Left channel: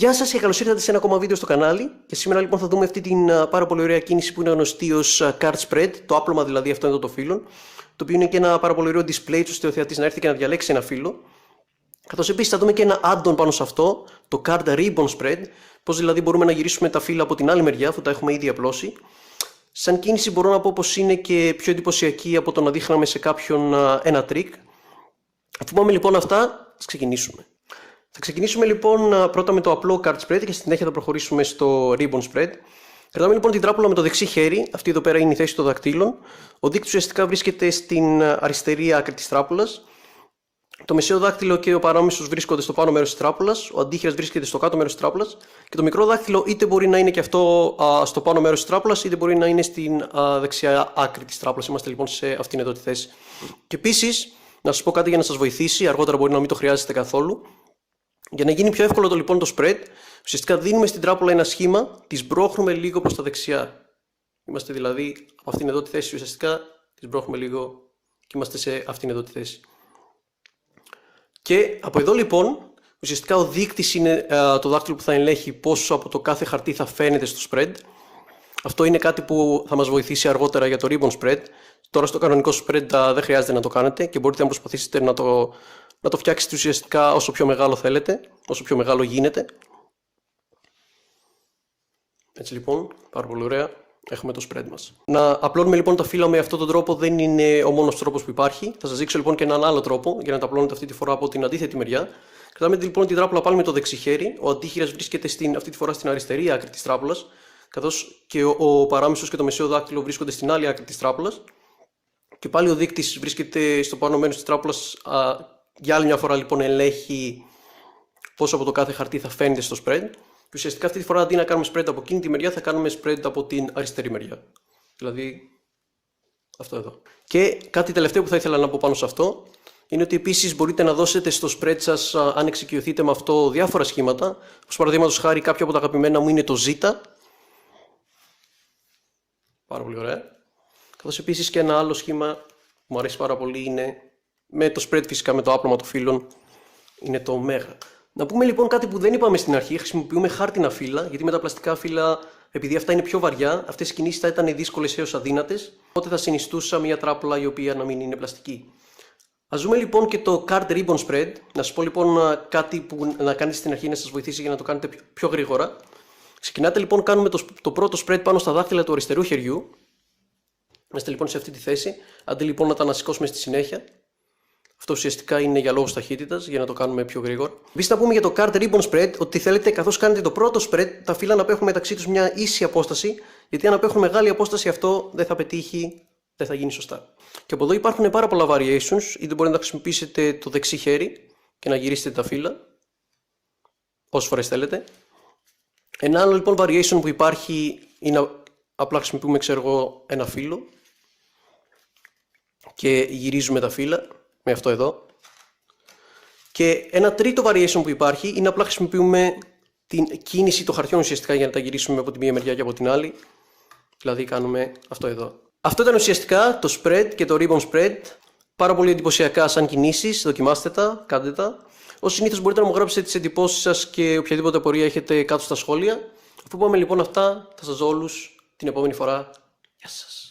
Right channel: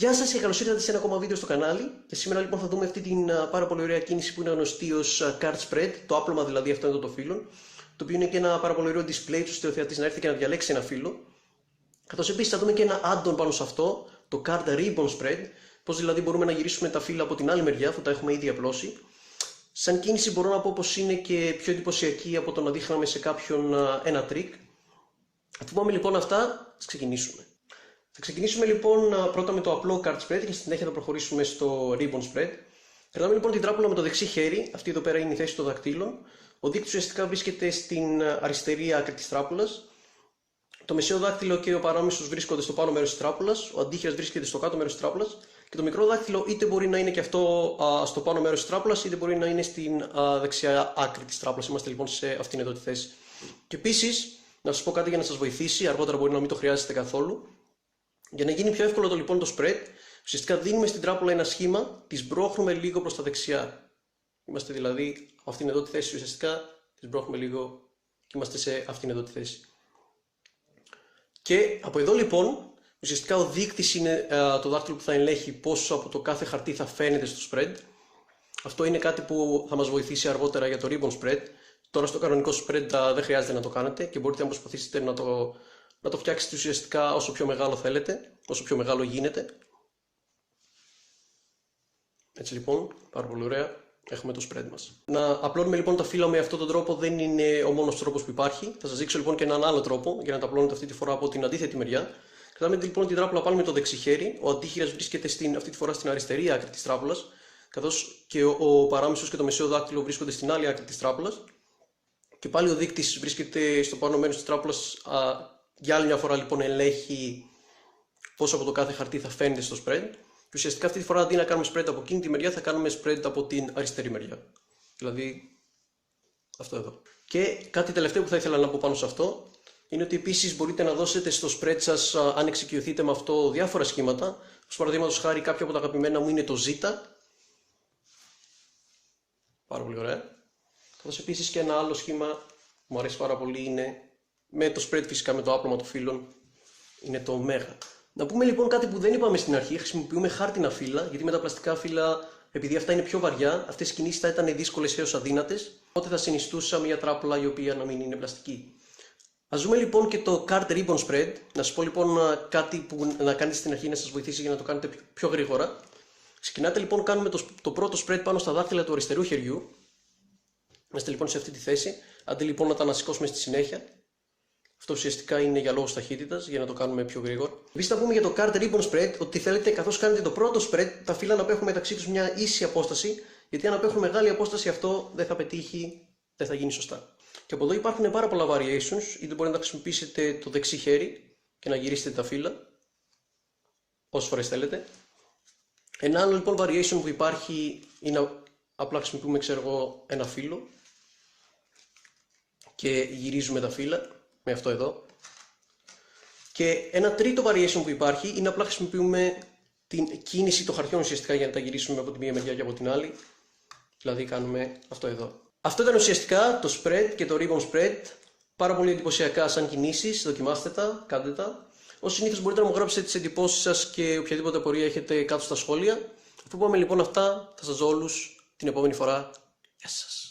Γεια σας και καλώς ήρθατε σε ένα ακόμα βίντεο στο κανάλι. Και σήμερα λοιπόν θα δούμε αυτή την πάρα πολύ ωραία κίνηση που είναι γνωστή ως card spread, το άπλωμα δηλαδή αυτό εδώ το φύλλο, το οποίο είναι και ένα πάρα πολύ ωραίο display ώστε ο θεατής να έρθει και να διαλέξει ένα φύλλο. Καθώς επίσης θα δούμε και ένα add-on πάνω σε αυτό, το card ribbon spread, πώς δηλαδή μπορούμε να γυρίσουμε τα φύλλα από την άλλη μεριά αφού τα έχουμε ήδη απλώσει. Σαν κίνηση μπορώ να πω πως είναι και πιο εντυπωσιακή από το να δείχναμε σε κάποιον ένα trick. Αφού πάμε λοιπόν αυτά, ας ξεκινήσουμε. Θα ξεκινήσουμε λοιπόν πρώτα με το απλό card spread και στη συνέχεια θα προχωρήσουμε στο ribbon spread. Κρατάμε λοιπόν την τράπουλα με το δεξί χέρι, αυτή εδώ πέρα είναι η θέση των δακτύλων. Ο δείκτης ουσιαστικά βρίσκεται στην αριστερή άκρη της τράπουλας. Το μεσαίο δάκτυλο και ο παράμεσος βρίσκονται στο πάνω μέρος της τράπουλας, ο αντίχειρας βρίσκεται στο κάτω μέρος της τράπουλας και το μικρό δάκτυλο είτε μπορεί να είναι και αυτό στο πάνω μέρος της τράπουλας είτε μπορεί να είναι στην δεξιά άκρη της τράπουλας. Είμαστε λοιπόν σε αυτήν εδώ τη θέση. Και επίσης, να σας πω κάτι για να σας βοηθήσει, αργότερα μπορεί να μην το χρειάζεστε καθόλου. Για να γίνει πιο εύκολο λοιπόν το spread, ουσιαστικά δίνουμε στην τράπουλα ένα σχήμα, τη σμπρώχνουμε λίγο προς τα δεξιά. Είμαστε δηλαδή από αυτήν εδώ τη θέση, ουσιαστικά τη σμπρώχνουμε λίγο και είμαστε σε αυτήν εδώ τη θέση. Και από εδώ λοιπόν, ουσιαστικά ο δείκτης είναι το δάχτυλο που θα ελέγχει πόσο από το κάθε χαρτί θα φαίνεται στο spread. Αυτό είναι κάτι που θα μας βοηθήσει αργότερα για το ribbon spread. Τώρα στο κανονικό spread δεν χρειάζεται να το κάνετε και μπορείτε να προσπαθήσετε να το φτιάξετε ουσιαστικά όσο πιο μεγάλο θέλετε, όσο πιο μεγάλο γίνεται. Έτσι λοιπόν, πάρα πολύ ωραία, έχουμε το spread μας. Να απλώνουμε λοιπόν τα φύλλα με αυτόν τον τρόπο δεν είναι ο μόνος τρόπος που υπάρχει. Θα σας δείξω λοιπόν και έναν άλλο τρόπο για να τα απλώνετε αυτή τη φορά από την αντίθετη μεριά. Κρατάμε λοιπόν την τράπουλα πάλι με το δεξί χέρι, ο αντίχειρας βρίσκεται αυτή τη φορά στην αριστερή άκρη της τράπουλας, καθώς και ο παράμεσος και το μεσαίο δάκτυλο βρίσκονται στην άλλη άκρη της τράπουλας. Και πάλι ο δείκτης βρίσκεται στο πάνω μέρος της τράπουλας. Για άλλη μια φορά λοιπόν ελέγχει πόσο από το κάθε χαρτί θα φαίνεται στο spread. Και ουσιαστικά αυτή τη φορά αντί να κάνουμε spread από εκείνη τη μεριά θα κάνουμε spread από την αριστερή μεριά. Δηλαδή αυτό εδώ. Και κάτι τελευταίο που θα ήθελα να πω πάνω σε αυτό είναι ότι επίσης μπορείτε να δώσετε στο spread σας, αν εξοικειωθείτε με αυτό, διάφορα σχήματα. Ως παραδείγματος χάρη κάποιο από τα αγαπημένα μου είναι το Z. Πάρα πολύ ωραία. Καθώς επίσης και ένα άλλο σχήμα που μου αρέσει πάρα πολύ είναι με το spread φυσικά με το άπλωμα των φύλλων, είναι το ωμέγα. Να πούμε λοιπόν κάτι που δεν είπαμε στην αρχή, χρησιμοποιούμε χάρτινα φύλλα, γιατί με τα πλαστικά φύλλα, επειδή αυτά είναι πιο βαριά, αυτές οι κινήσεις θα ήταν δύσκολες έως αδύνατες, οπότε θα συνιστούσα μια τράπουλα η οποία να μην είναι πλαστική. Ας δούμε λοιπόν και το card ribbon spread. Να σας πω λοιπόν κάτι που να κάνετε στην αρχή να σας βοηθήσει για να το κάνετε πιο γρήγορα. Ξεκινάτε λοιπόν, κάνουμε το πρώτο spread πάνω στα δάχτυλα του αριστερού χεριού. Είμαστε λοιπόν σε αυτή τη θέση, αντί λοιπόν να τα ανασηκώσουμε στη συνέχεια. Αυτό ουσιαστικά είναι για λόγους ταχύτητας, για να το κάνουμε πιο γρήγορα. Επίσης, να πούμε για το card ribbon spread ότι θέλετε καθώς κάνετε το πρώτο spread, τα φύλλα να απέχουν μεταξύ τους μια ίση απόσταση, γιατί αν απέχουν μεγάλη απόσταση αυτό δεν θα πετύχει, δεν θα γίνει σωστά. Και από εδώ υπάρχουν πάρα πολλά variations, είτε μπορείτε να χρησιμοποιήσετε το δεξί χέρι και να γυρίσετε τα φύλλα, όσες φορές θέλετε. Ένα άλλο λοιπόν variation που υπάρχει είναι απλά χρησιμοποιούμε, ξέρω εγώ, ένα φύλλο και γυρίζουμε τα φύλλα με αυτό εδώ. Και ένα τρίτο variation που υπάρχει είναι απλά χρησιμοποιούμε την κίνηση των χαρτιών ουσιαστικά για να τα γυρίσουμε από τη μία μεριά και από την άλλη. Δηλαδή κάνουμε αυτό εδώ. Αυτό ήταν ουσιαστικά το spread και το ribbon spread. Πάρα πολύ εντυπωσιακά σαν κινήσεις. Δοκιμάστε τα, κάντε τα. Ως συνήθως μπορείτε να μου γράψετε τις εντυπώσεις σας και οποιαδήποτε απορία έχετε κάτω στα σχόλια. Αφού πάμε λοιπόν αυτά, θα σας δω όλους την επόμενη φορά. Γεια σας.